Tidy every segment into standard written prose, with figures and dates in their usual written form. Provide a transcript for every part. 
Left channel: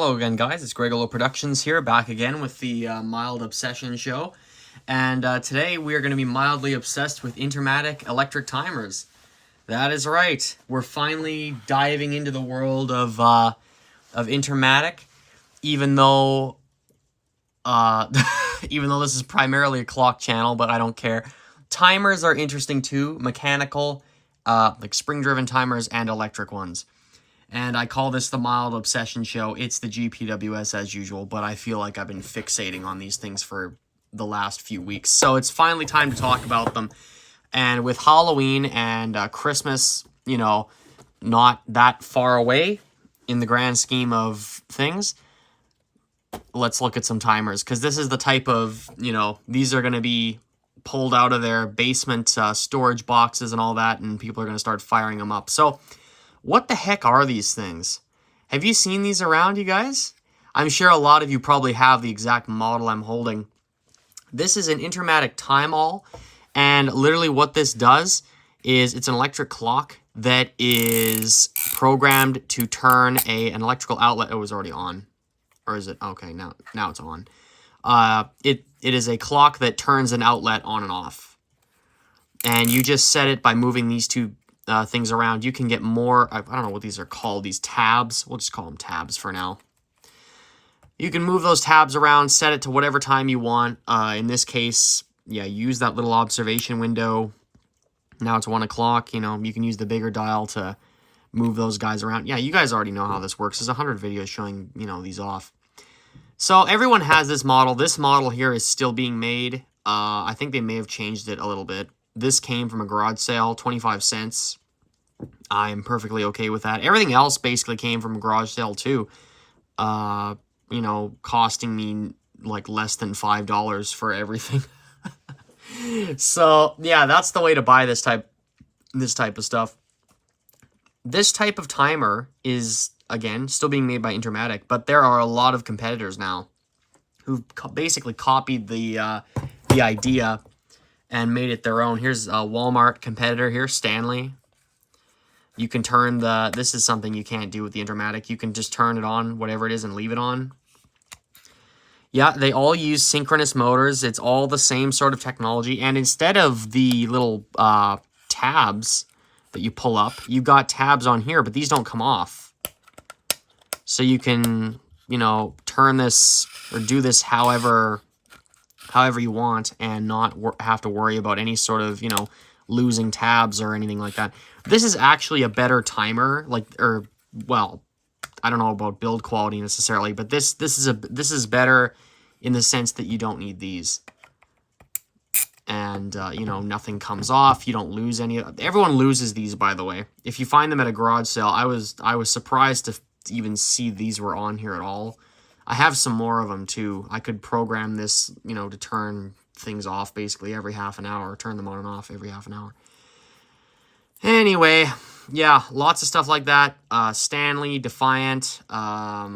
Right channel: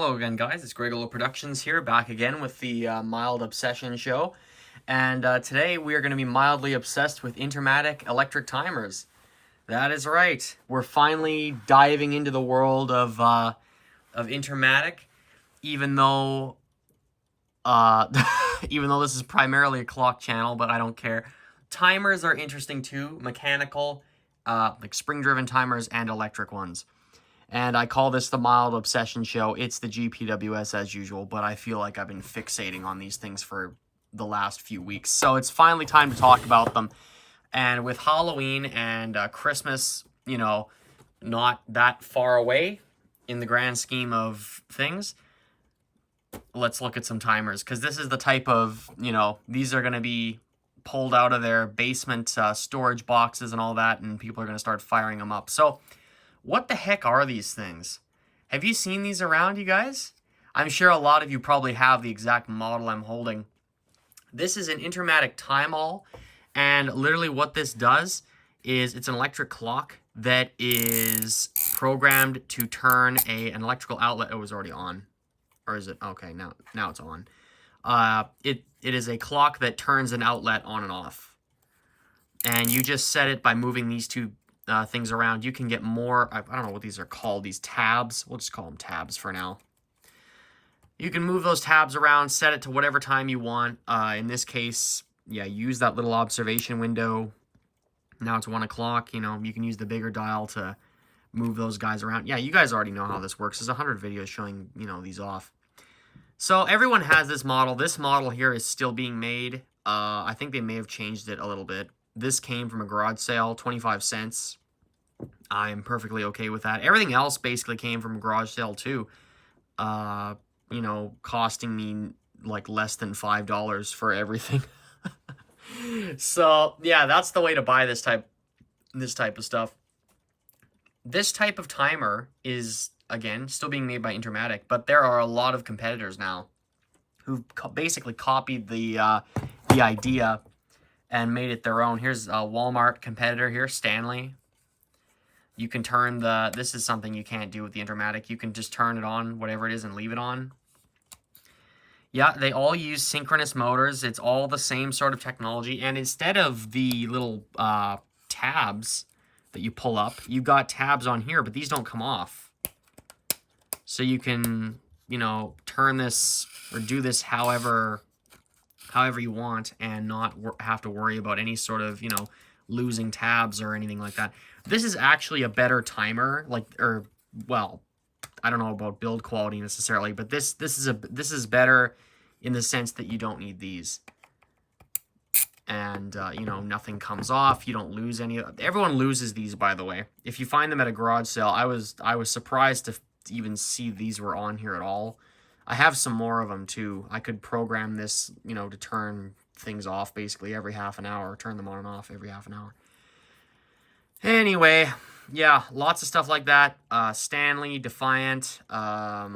Hello again, guys. It's Gregola Productions here, back again with the Mild Obsession show. And today we are going to be mildly obsessed with Intermatic electric timers. That is right. We're finally diving into the world of Intermatic, even though even though this is primarily a clock channel, but I don't care. Timers are interesting too, mechanical, like spring-driven timers and electric ones. And I call this the Mild Obsession Show. It's the GPWS as usual, but I feel like I've been fixating on these things for the last few weeks. So it's finally time to talk about them. And with Halloween and Christmas, you know, not that far away in the grand scheme of things, let's look at some timers. Because this is the type of, you know, these are going to be pulled out of their basement storage boxes and all that, and people are going to start firing them up. So what the heck are these things? Have you seen these around, you guys? I'm sure a lot of you probably have the exact model I'm holding. This is an Intermatic time all, and literally what this does is it's an electric clock that is programmed to turn an electrical outlet. It was already on. Or is it? Okay, now it's on. It is a clock that turns an outlet on and off. And you just set it by moving these two things around. You can get more, I don't know what these are called, these tabs. We'll just call them tabs for now. You can move those tabs around, set it to whatever time you want. In this case, yeah, use that little observation window. Now it's 1 o'clock, you know, you can use the bigger dial to move those guys around. Yeah, you guys already know how this works. There's 100 videos showing, you know, these off. So everyone has this model. This model here is still being made. I think they may have changed it a little bit. This came from a garage sale, 25 cents. I'm perfectly okay with that. Everything else basically came from a garage sale too. You know, costing me like less than $5 for everything. So yeah, that's the way to buy this type of stuff. This type of timer is, again, still being made by Intermatic, but there are a lot of competitors now who've basically copied the idea and made it their own. Here's a Walmart competitor here, Stanley. You can turn this is something you can't do with the Intermatic. You can just turn it on, whatever it is, and leave it on. Yeah, they all use synchronous motors. It's all the same sort of technology. And instead of the little tabs that you pull up, you've got tabs on here, but these don't come off. So you can, you know, turn this or do this however you want and not have to worry about any sort of, you know, losing tabs or anything like that. This is actually a better timer, well, I don't know about build quality necessarily, but this is better in the sense that you don't need these. And, you know, nothing comes off. You don't lose any. Everyone loses these, by the way. If you find them at a garage sale, I was surprised to even see these were on here at all. I have some more of them, too. I could program this, you know, to turn things off basically every half an hour, turn them on and off every half an hour. Anyway, yeah, lots of stuff like that. Stanley, Defiant, I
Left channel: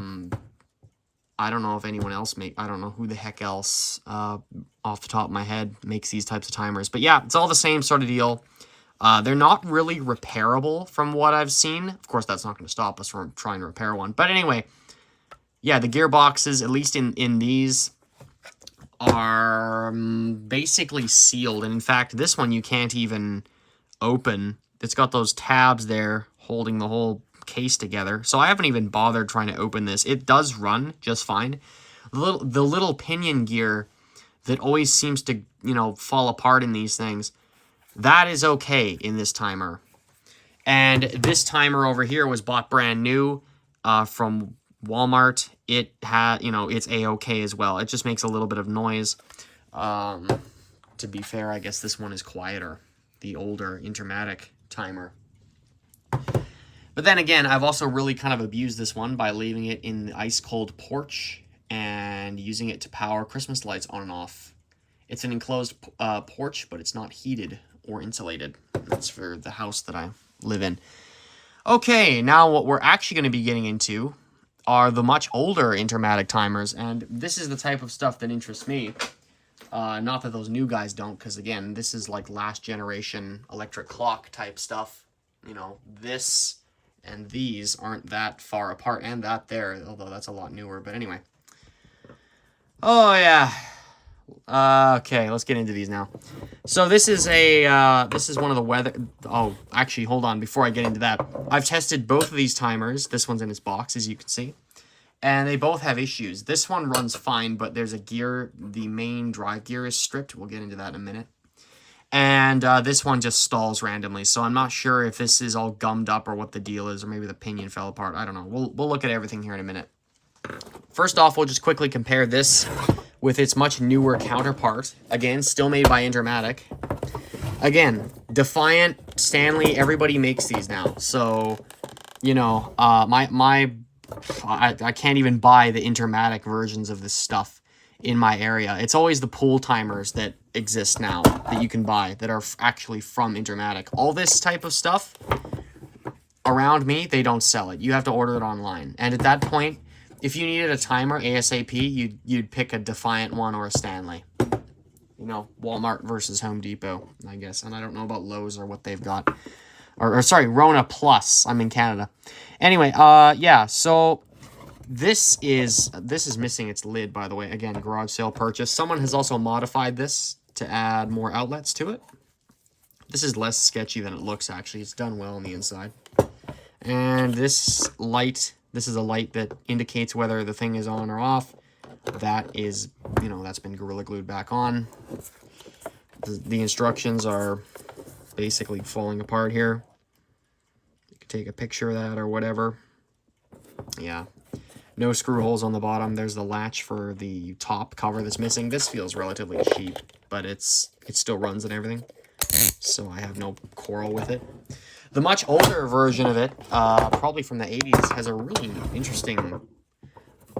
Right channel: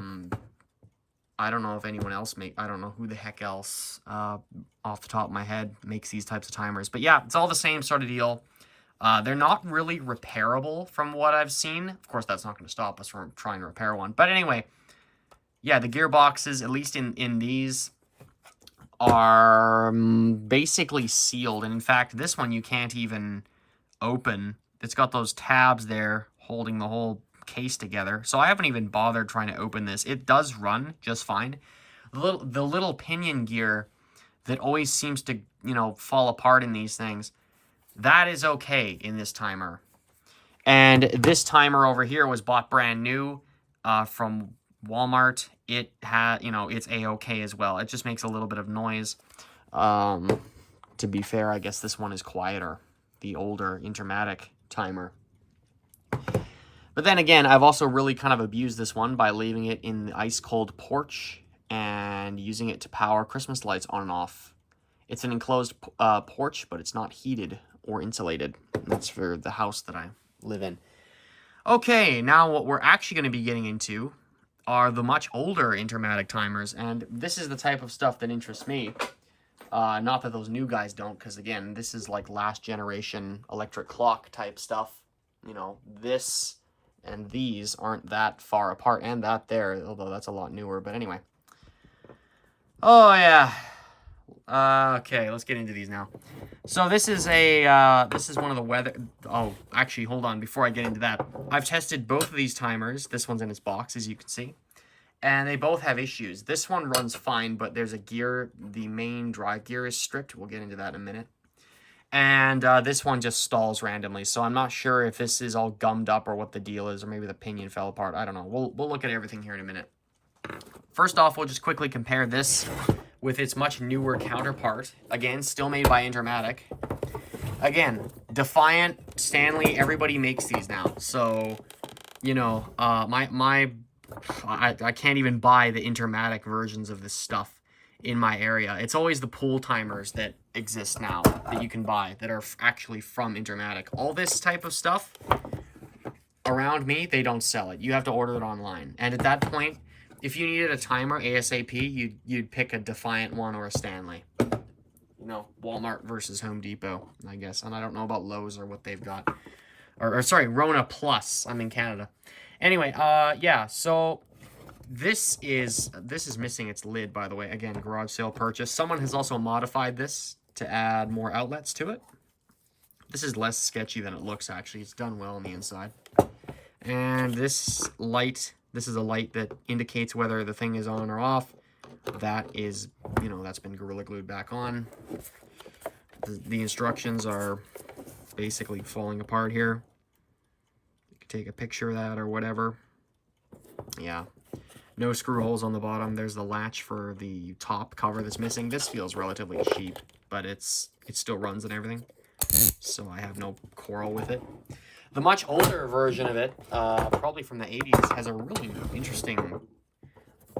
don't know if anyone else I don't know who the heck else, off the top of my head, makes these types of timers. But yeah, it's all the same sort of deal. They're not really repairable from what I've seen. Of course, that's not going to stop us from trying to repair one. But anyway, yeah, the gearboxes, at least in these, are basically sealed. And in fact, this one you can't even open. It's got those tabs there holding the whole case together. So I haven't even bothered trying to open this. It does run just fine. The little pinion gear that always seems to, you know, fall apart in these things, that is okay in this timer. And this timer over here was bought brand new from Walmart. It had, you know, it's a-okay as well. It just makes a little bit of noise. To be fair, I guess this one is quieter, the older Intermatic timer. But then again, I've also really kind of abused this one by leaving it in the ice-cold porch and using it to power Christmas lights on and off. It's an enclosed porch, but it's not heated or insulated. That's for the house that I live in. Okay, now what we're actually going to be getting into are the much older Intermatic timers, and this is the type of stuff that interests me. Not that those new guys don't, because again, this is like last generation electric clock type stuff. You know, this And these aren't that far apart, and that there, although that's a lot newer. But anyway. Oh, yeah. Okay, let's get into these now. So this is one of the weather... Oh, actually, hold on. Before I get into that, I've tested both of these timers. This one's in its box, as you can see. And they both have issues. This one runs fine, but there's a gear. The main drive gear is stripped. We'll get into that in a minute. And this one just stalls randomly. So I'm not sure if this is all gummed up or what the deal is, or maybe the pinion fell apart. I don't know. We'll look at everything here in a minute. First off, we'll just quickly compare this with its much newer counterpart. Again, still made by Intermatic. Again, Defiant, Stanley, everybody makes these now. So, you know, I can't even buy the Intermatic versions of this stuff in my area. It's always the pool timers that exist now that you can buy that are actually from Intermatic. All this type of stuff around me, they don't sell it. You have to order it online. And at that point, if you needed a timer ASAP, you'd pick a Defiant one or a Stanley. You know, Walmart versus Home Depot, I guess. And I don't know about Lowe's or what they've got. Or sorry, Rona Plus. I'm in Canada. Anyway, yeah, so this is missing its lid, by the way. Again, garage sale purchase. Someone has also modified this to add more outlets to it. This is less sketchy than it looks, actually. It's done well on the inside. And this light... This is a light that indicates whether the thing is on or off. That is, you know, that's been Gorilla Glued back on. The instructions are basically falling apart here. You can take a picture of that or whatever. Yeah. No screw holes on the bottom. There's the latch for the top cover that's missing. This feels relatively cheap, but it still runs and everything. So I have no quarrel with it. The much older version of it, probably from the 80s, has a really interesting...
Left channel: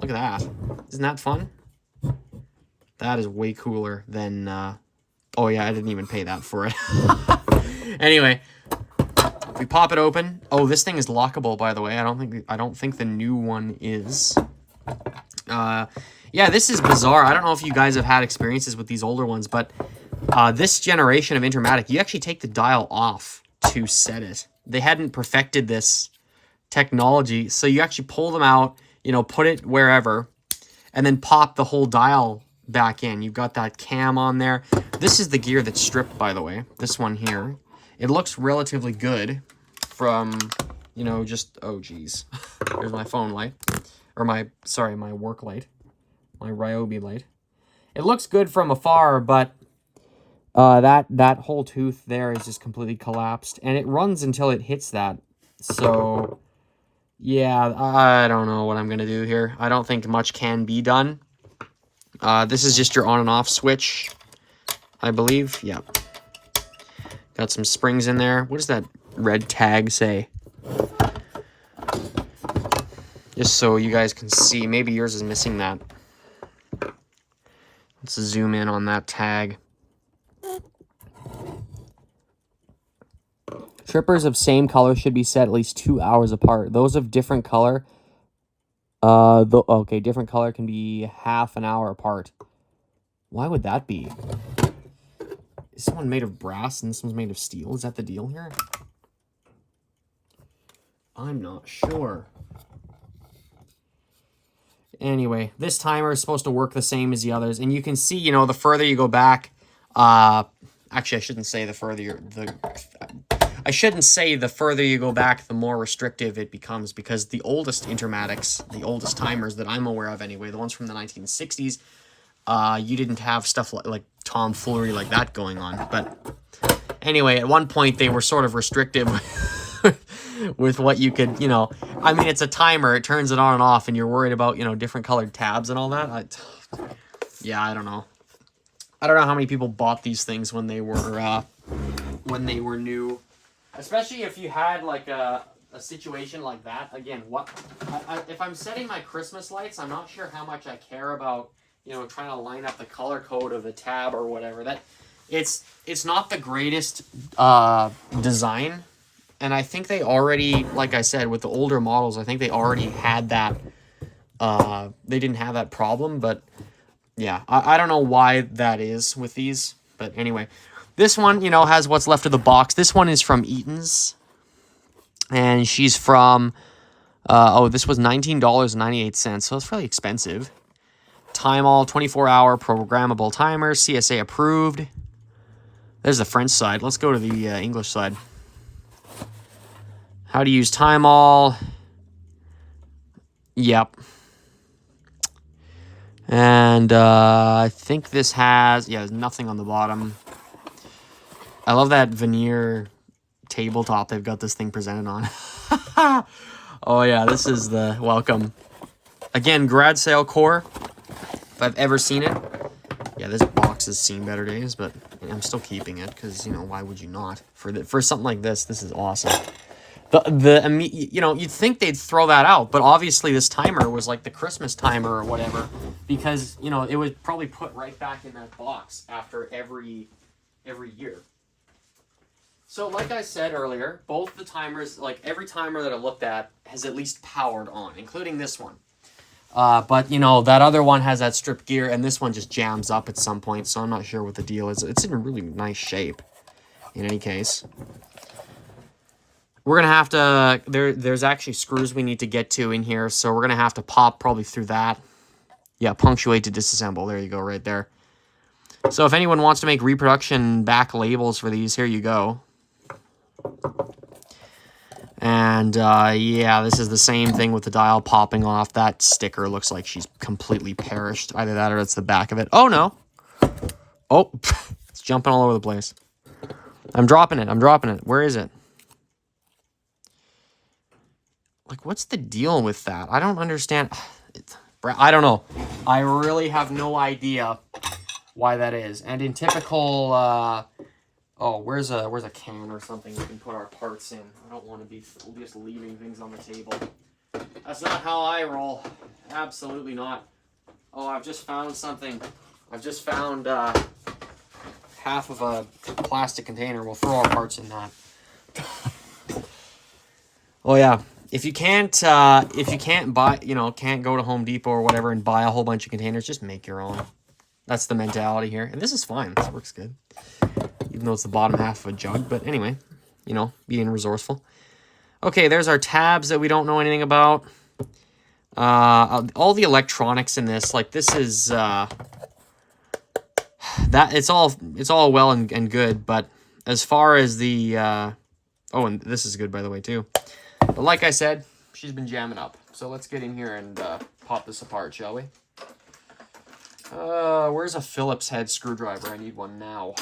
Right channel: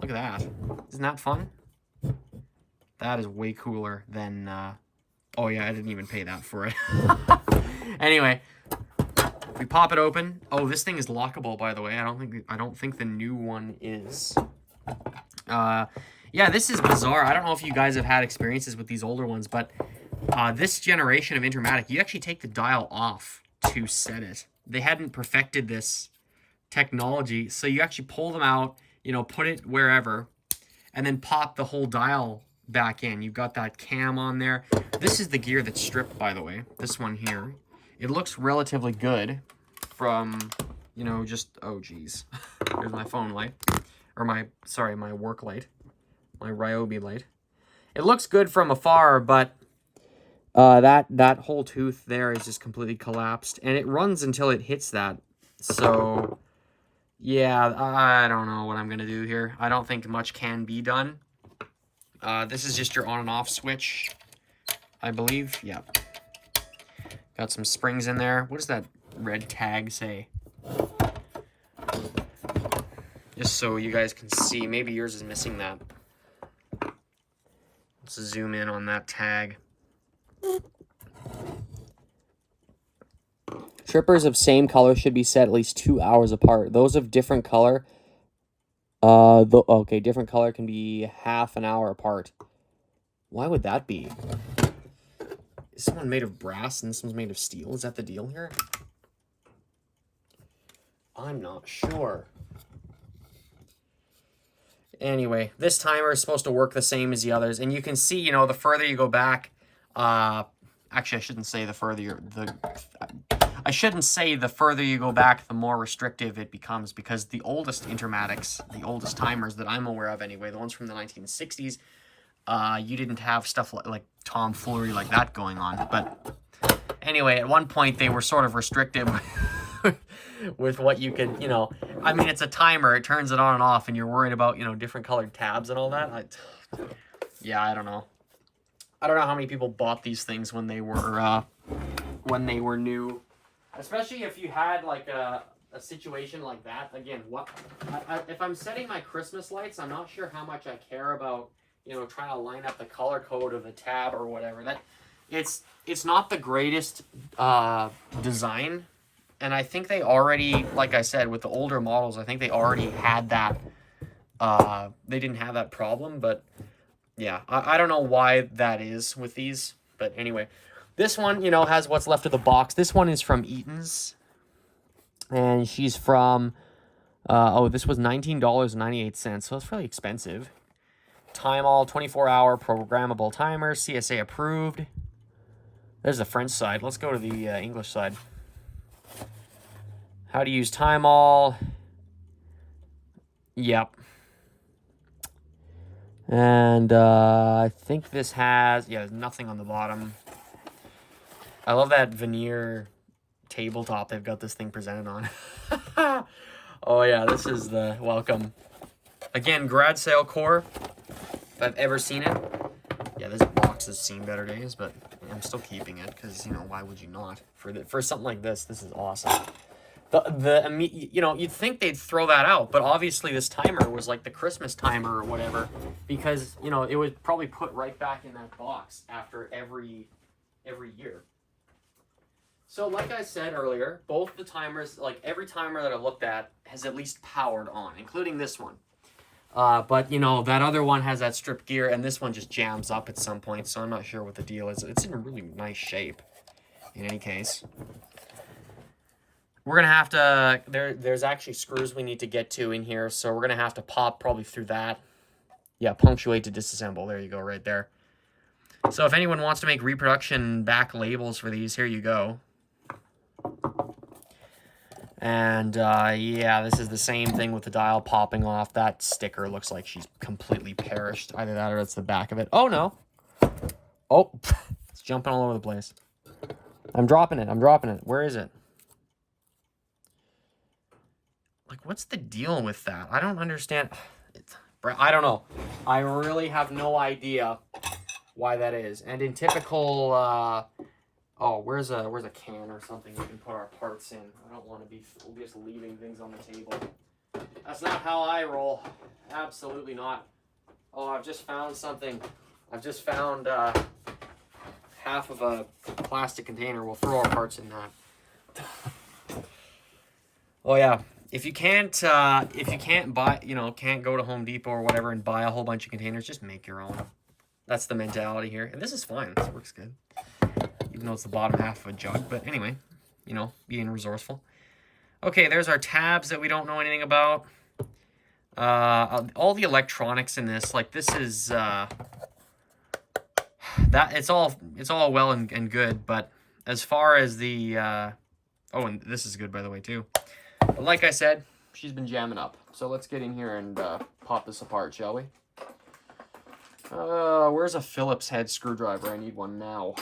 Look at that. Isn't that fun? That is way cooler than... Oh, yeah, I didn't even pay that for it. Anyway, if we pop it open... Oh, this thing is lockable, by the way. I don't think the new one is. Yeah, this is bizarre. I don't know if you guys have had experiences with these older ones, but this generation of Intermatic, you actually take the dial off to set it. They hadn't perfected this technology, so you actually pull them out, you know, put it wherever, and then pop the whole dial back in. You've got that cam on there. This is the gear that's stripped, by the way. This one here. It looks relatively good from, you know, just... Oh, geez. Here's my phone light. Or my work light. My Ryobi light. It looks good from afar, but... that whole tooth there is just completely collapsed, and it runs until it hits that. So, yeah, I don't know what I'm gonna do here. I don't think much can be done. This is just your on and off switch, I believe. Yep. Got some springs in there. What does that red tag say? Just so you guys can see. Maybe yours is missing that. Let's zoom in on that tag. Trippers of same color should be set at least 2 hours apart. Those of different color, different color can be half an hour apart. Why would that be? Is someone made of brass and this one's made of steel? Is that the deal here? I'm not sure. Anyway, this timer is supposed to work the same as the others, and you can see, you know, the further you go back, actually, I shouldn't say the further you go back, the more restrictive it becomes, because the oldest Intermatics, the oldest timers that I'm aware of anyway, the ones from the 1960s, you didn't have stuff like tomfoolery like that going on. But anyway, at one point they were sort of restrictive with what you could, you know, I mean, it's a timer, it turns it on and off, and you're worried about, you know, different colored tabs and all that. Yeah, I don't know. I don't know how many people bought these things when they were new, especially if you had like a situation like that. Again, if I'm setting my Christmas lights, I'm not sure how much I care about, you know, trying to line up the color code of the tab or whatever. That it's not the greatest design, and I think they already, like I said, with the older models, I think they already had that. They didn't have that problem, but. Yeah, I don't know why that is with these, but anyway. This one, you know, has what's left of the box. This one is from Eaton's, And she's from, oh, this was $19.98, so it's fairly expensive. Time all 24-hour programmable timer, CSA approved. There's the French side. Let's go to the English side. How to use time all. Yep. And I think this has, yeah, there's nothing on the bottom. I love that veneer tabletop they've got this thing presented on. Oh yeah, this is the welcome. Again, grad sale core, if I've ever seen it. Yeah, this box has seen better days, but I'm still keeping it because, you know, why would you not? For something like this is awesome. You know, you'd think they'd throw that out, but obviously this timer was like the Christmas timer or whatever, because, you know, it was probably put right back in that box after every year. So like I said earlier, both the timers, like every timer that I've looked at has at least powered on, including this one. But, you know, that other one has that strip gear, and this one just jams up at some point, so I'm not sure what the deal is. It's in a really nice shape, in any case. We're going to have to, there's actually screws we need to get to in here, so we're going to have to pop probably through that. Yeah, punctuate to disassemble. There you go, right there. So if anyone wants to make reproduction back labels for these, here you go. And, yeah, this is the same thing with the dial popping off. That sticker looks like she's completely perished. Either that or it's the back of it. Oh, no. Oh, it's jumping all over the place. I'm dropping it. I'm dropping it. Where is it? Like, what's the deal with that? I don't understand. I don't know. I really have no idea why that is. And in typical, oh, where's a can or something we can put our parts in? I don't want to be just leaving things on the table. That's not how I roll. Absolutely not. Oh, I've just found something. I've just found half of a plastic container. We'll throw our parts in that. Oh yeah. If you can't buy, you know, can't go to Home Depot or whatever and buy a whole bunch of containers, just make your own. That's the mentality here. And this is fine. This works good. Even though it's the bottom half of a jug. But anyway, you know, being resourceful. Okay, there's our tabs that we don't know anything about. All the electronics in this, like this is, that it's all well and good. But as far as the, oh, and this is good, by the way, too. But like I said, she's been jamming up. So let's get in here and pop this apart, shall we? Where's a Phillips head screwdriver? I need one now.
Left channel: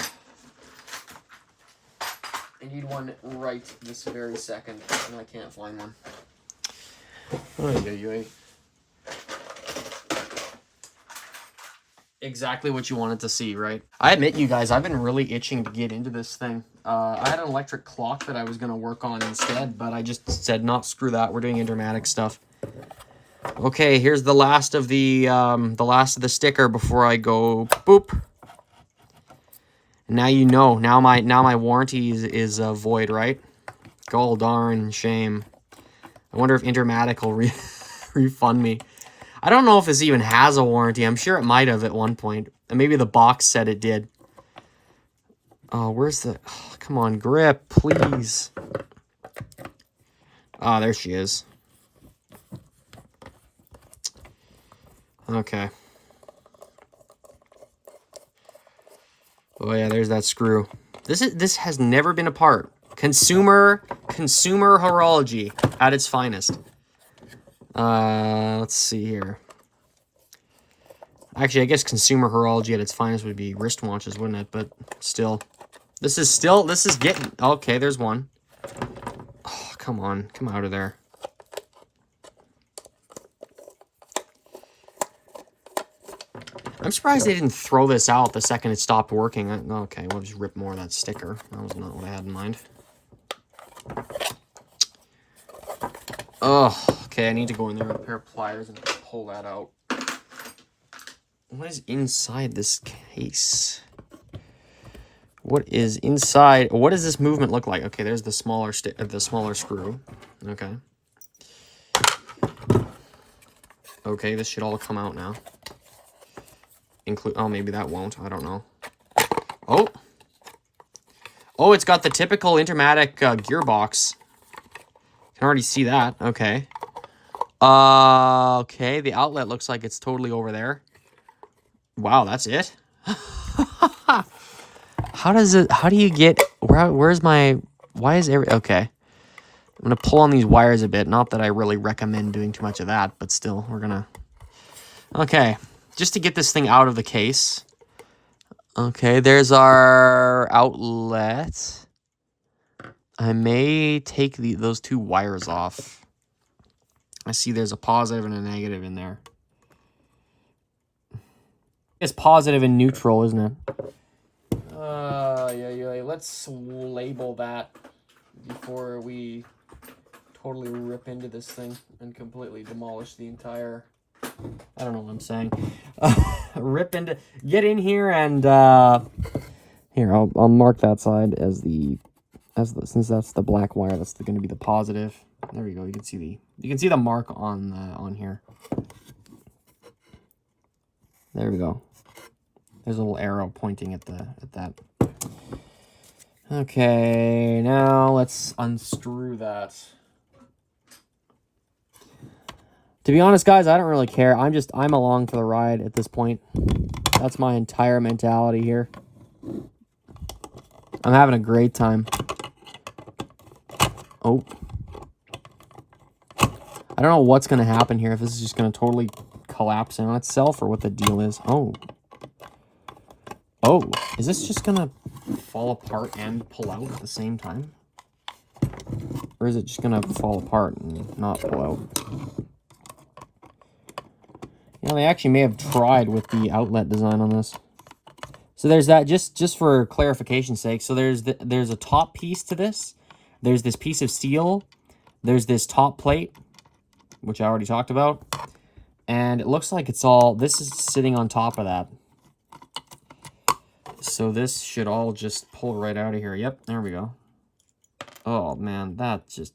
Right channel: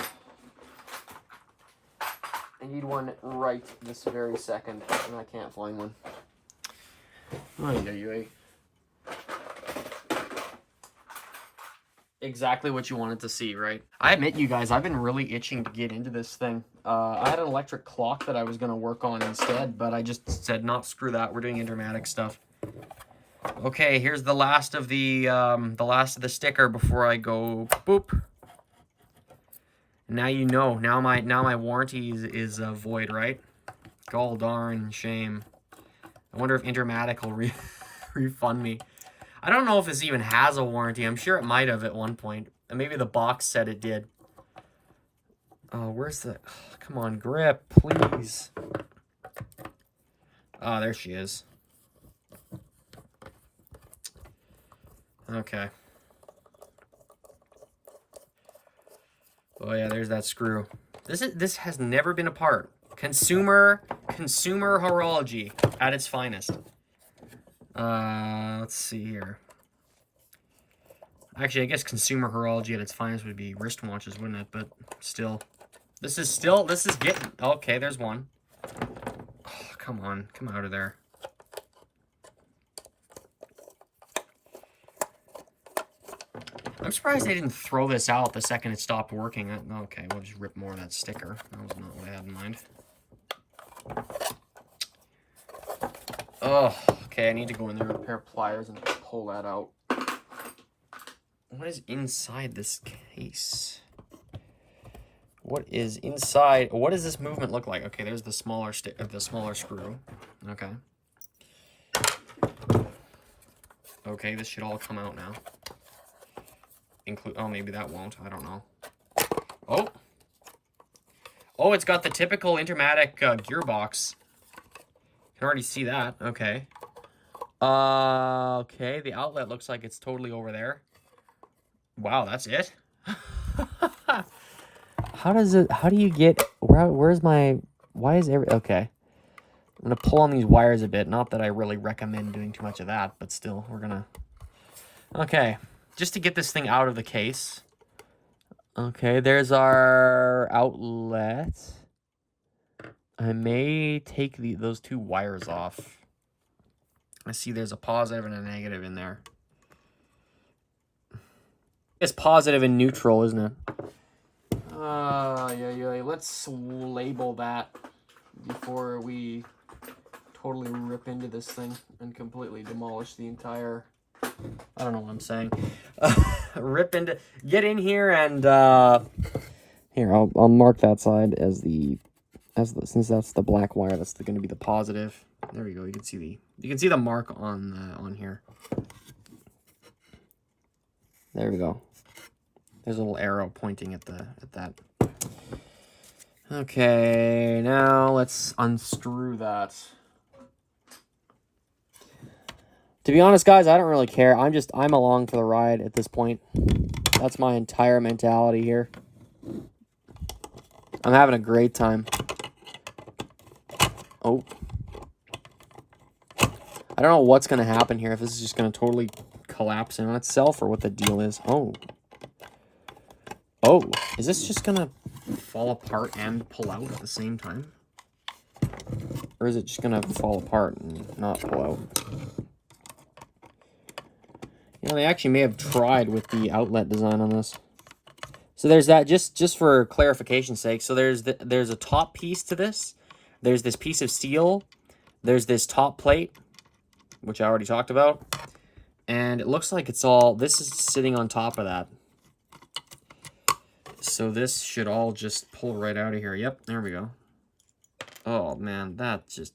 I need one right this very second, and I can't find one. Oy. Exactly what you wanted to see, right? I admit, you guys, I've been really itching to get into this thing. I had an electric clock that I was going to work on instead, but I just said, not screw that. We're doing Intermatic stuff. Okay, here's the last of the sticker before I go boop. Now you know. Now my warranty is void, right? Gol darn shame. I wonder if Intermatic will refund me. I don't know if this even has a warranty. I'm sure it might have at one point. Maybe the box said it did. Oh, where's the... Oh, come on, grip, please. Oh, there she is. Okay. Oh, yeah, there's that screw. This has never been apart. Consumer horology at its finest. Let's see here. Actually, I guess consumer horology at its finest would be wristwatches, wouldn't it? But still. This is getting... Okay, there's one. Oh, come on. Come out of there. I'm surprised they didn't throw this out the second it stopped working. Okay, we'll just rip more of that sticker. That was not what I had in mind. Ugh. Okay, I need to go in there with a pair of pliers and pull that out. What is inside this case? What is inside? What does this movement look like? Okay, there's the smaller screw. Okay. Okay, this should all come out now. Oh, maybe that won't. I don't know. Oh. Oh, it's got the typical Intermatic gearbox. Can already see that. Okay. Okay, the outlet looks like it's totally over there. Wow, that's it? How do you get, where's my, why is okay. I'm going to pull on these wires a bit. Not that I really recommend doing too much of that, but still, we're going to, okay. Just to get this thing out of the case. Okay, there's our outlet. I may take those two wires off. I see there's a positive and a negative in there. It's positive and neutral, isn't it? Yeah. Let's label that before we totally rip into this thing and completely demolish the entire... I don't know what I'm saying. Get in here and here, I'll mark that side as since that's the black wire, that's going to be the positive. There we go. You can see the mark on here. There we go. There's a little arrow pointing at that. Okay, now let's unscrew that. To be honest, guys, I don't really care. I'm along for the ride at this point. That's my entire mentality here. I'm having a great time. Oh. I don't know what's going to happen here, if this is just going to totally collapse in on itself or what the deal is. Oh. Oh, is this just going to fall apart and pull out at the same time? Or is it just going to fall apart and not pull out? You know, they actually may have tried with the outlet design on this. So there's that, just for clarification's sake. So there's a top piece to this. There's this piece of steel. There's this top plate, which I already talked about. And it looks like this is sitting on top of that. So this should all just pull right out of here. Yep, there we go. Oh man, that just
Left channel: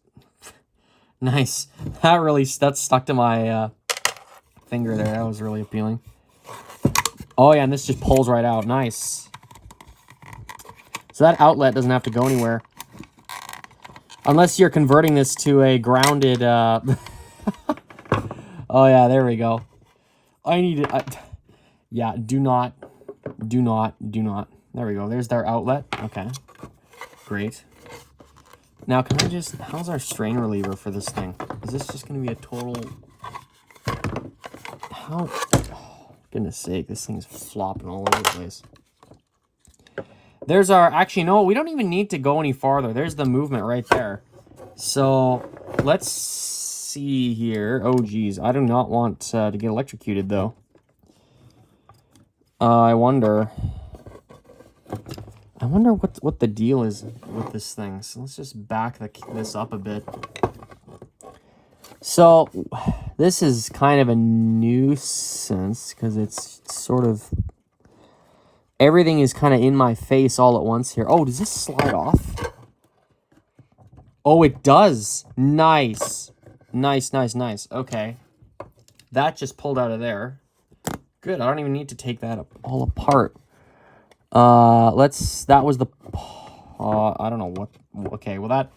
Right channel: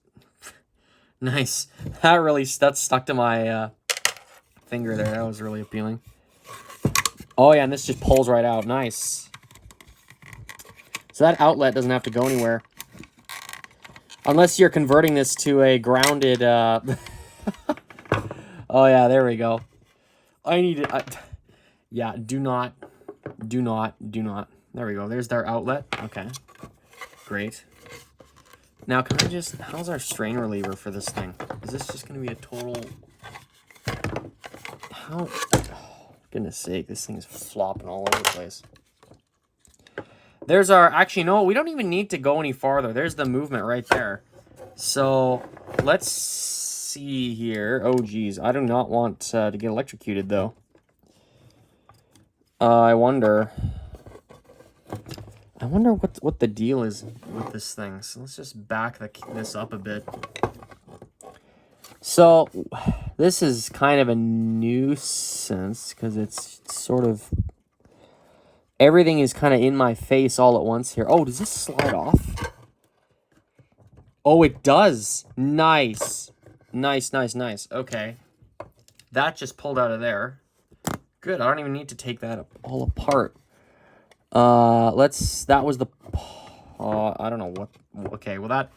nice. That stuck to my finger there. That was really appealing. Oh yeah, and this just pulls right out. Nice. So that outlet doesn't have to go anywhere. Unless you're converting this to a grounded... Oh yeah, there we go. I need it. Yeah, do not. There we go. There's their outlet. Okay. Great. Now, can I just... How's our strain reliever for this thing? Is this just going to be a total... How... Oh, goodness sake, this thing is flopping all over the place. There's our... Actually, no, we don't even need to go any farther. There's the movement right there. So, let's see here. Oh, geez. I do not want to get electrocuted, though. I wonder what the deal is with this thing. So let's just back this up a bit. So this is kind of a nuisance because it's sort of everything is kind of in my face all at once here. Oh, does this slide off? Oh, it does. Nice. Nice. Okay. That just pulled out of there. Good, I don't even need to take that all apart. That was the, I don't know what, okay, well that,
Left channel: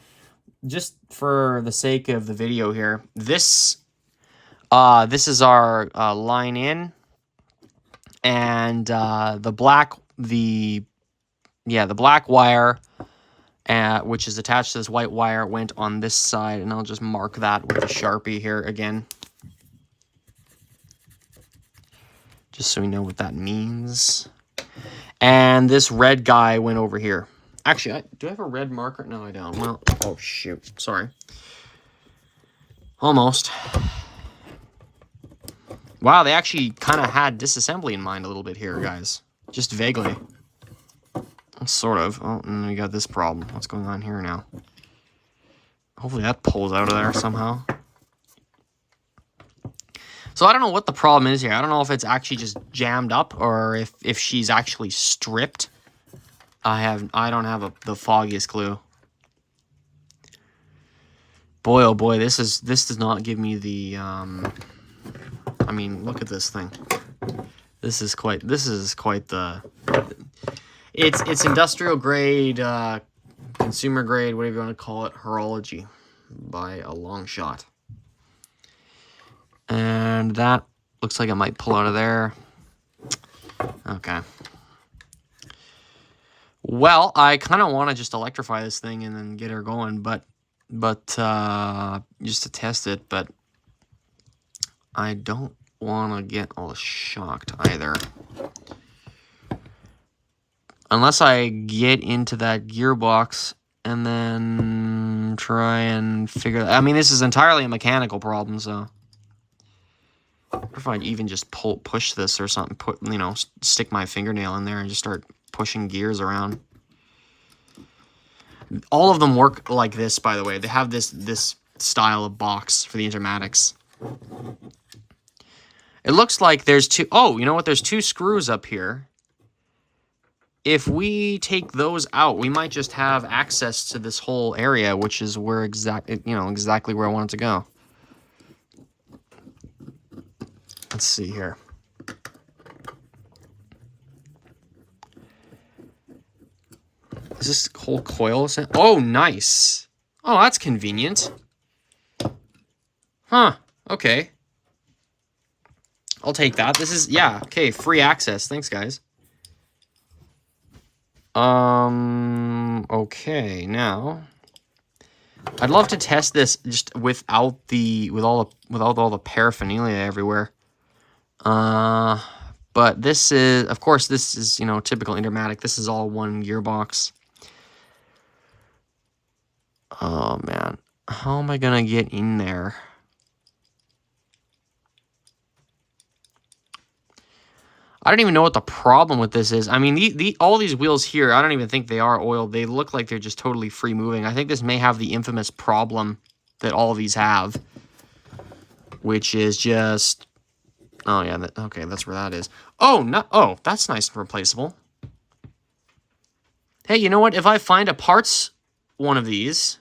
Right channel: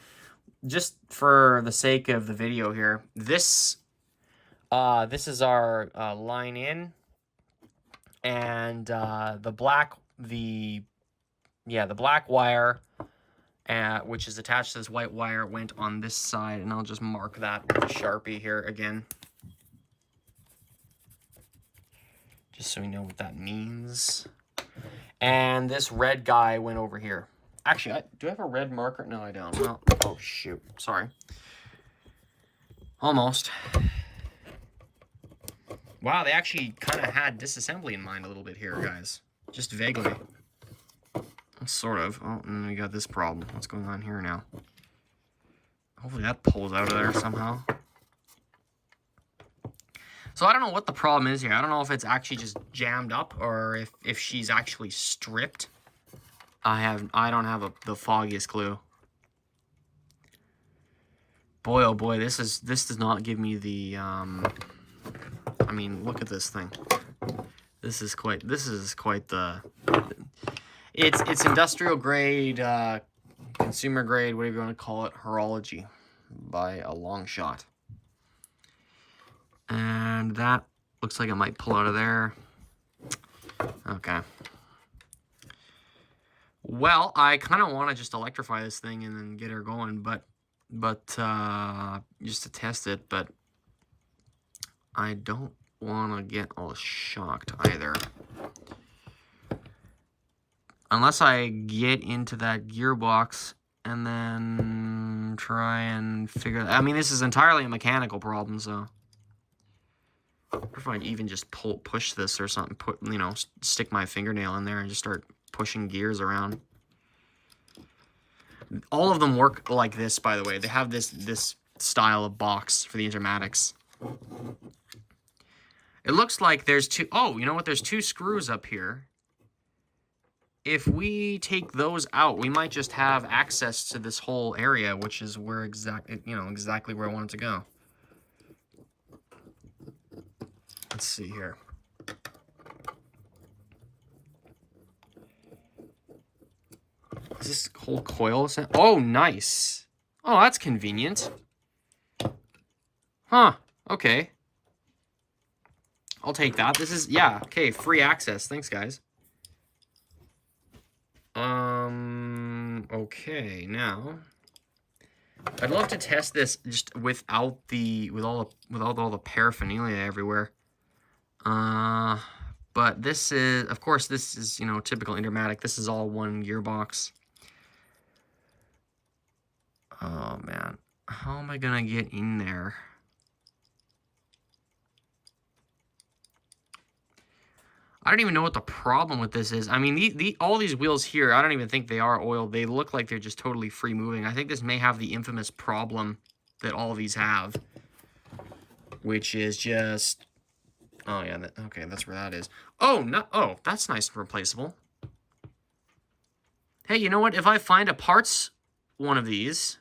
just for the sake of the video here, this is our line in, and the black wire, which is attached to this white wire, went on this side, and I'll just mark that with a Sharpie here again. Just so we know what that means. And this red guy went over here. Actually, do I have a red marker? No, I don't. Well, oh, shoot. Sorry. Almost. Wow, they actually kind of had disassembly in mind a little bit here, guys. Just vaguely. Sort of. Oh, and we got this problem. What's going on here now? Hopefully that pulls out of there somehow. So I don't know what the problem is here. I don't know if it's actually just jammed up or if she's actually stripped. I don't have the foggiest clue. Boy, oh boy, this does not give me the I mean, look at this thing. This is quite the it's industrial grade, consumer grade, whatever you want to call it, horology. by a long shot. And that looks like it might pull out of there. Okay. Well, I kind of want to just electrify this thing and then get her going, but just to test it, but I don't want to get all shocked either. Unless I get into that gearbox and then try and figure... I mean, this is entirely a mechanical problem, so... If I even just push this or something, stick my fingernail in there and just start pushing gears around. All of them work like this, by the way. They have this style of box for the Intermatics. It looks like there's two... Oh, you know what? There's two screws up here. If we take those out, we might just have access to this whole area, which is where exactly where I want it to go. Let's see here. Is this whole coil? Oh, nice. Oh, that's convenient. Huh. Okay. I'll take that. This is, yeah, okay, free access. Thanks, guys. Okay, now I'd love to test this just without all the paraphernalia everywhere. But this is, of course, this is, typical Intermatic. This is all one gearbox. Oh, man. How am I gonna get in there? I don't even know what the problem with this is. I mean, all these wheels here, I don't even think they are oiled. They look like they're just totally free moving. I think this may have the infamous problem that all of these have, which is just... Oh, yeah. Okay, that's where that is. Oh, no. Oh, that's nice and replaceable. Hey, you know what? If I find a parts one of these,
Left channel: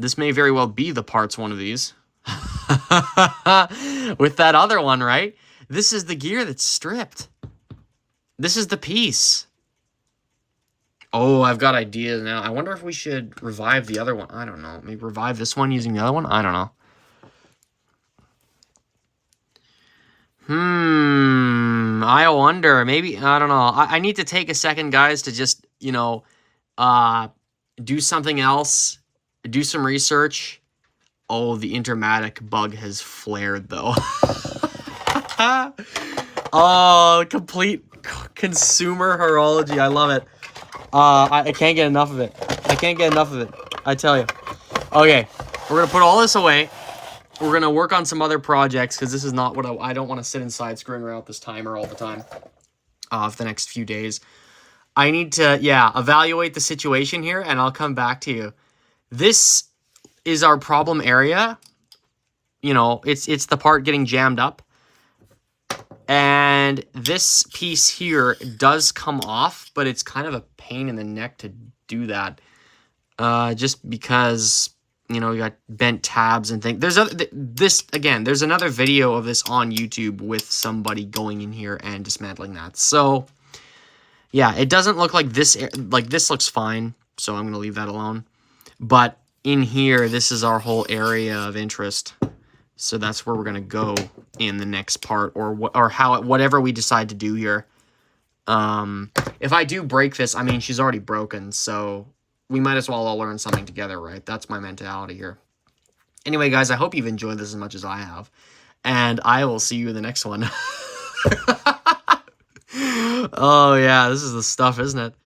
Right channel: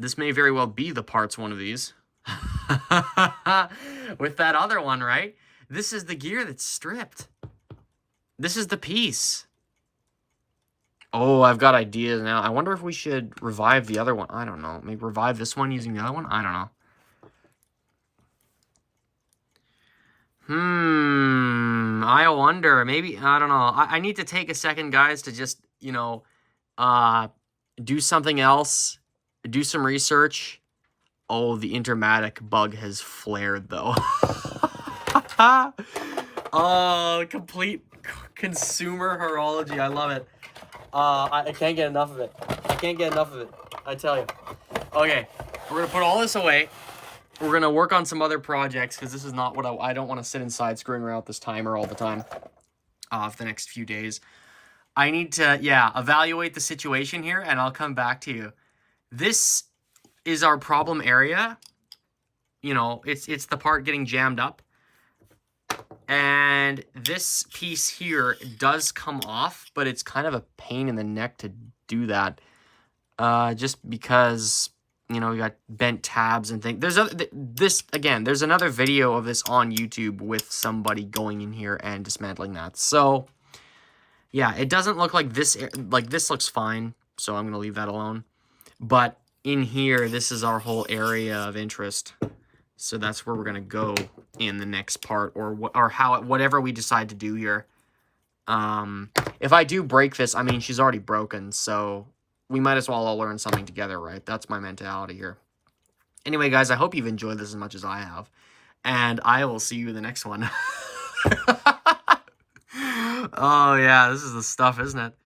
this may very well be the parts one of these. With that other one, right? This is the gear that's stripped. This is the piece. Oh, I've got ideas now. I wonder if we should revive the other one. I don't know. Maybe revive this one using the other one? I don't know. I wonder. Maybe, I don't know. I need to take a second, guys, to just, do something else. Do some research. Oh, the Intermatic bug has flared, though. Oh, complete consumer horology. I love it. I can't get enough of it. I can't get enough of it. I tell you. Okay, we're going to put all this away. We're going to work on some other projects because this is not what I don't want to sit inside screwing around with this timer all the time for the next few days. I need to, evaluate the situation here, and I'll come back to you. This is our problem area. It's the part getting jammed up. And this piece here does come off, but it's kind of a pain in the neck to do that. Just because, you got bent tabs and things. There's another video of this on YouTube with somebody going in here and dismantling that. So, yeah, it doesn't look like this looks fine. So I'm going to leave that alone. But in here, this is our whole area of interest. So that's where we're going to go in the next part, or whatever we decide to do here. If I do break this, I mean, she's already broken, so we might as well all learn something together, right? That's my mentality here. Anyway, guys, I hope you've enjoyed this as much as I have, and I will see you in the next one. Oh, yeah, this is the stuff, isn't it?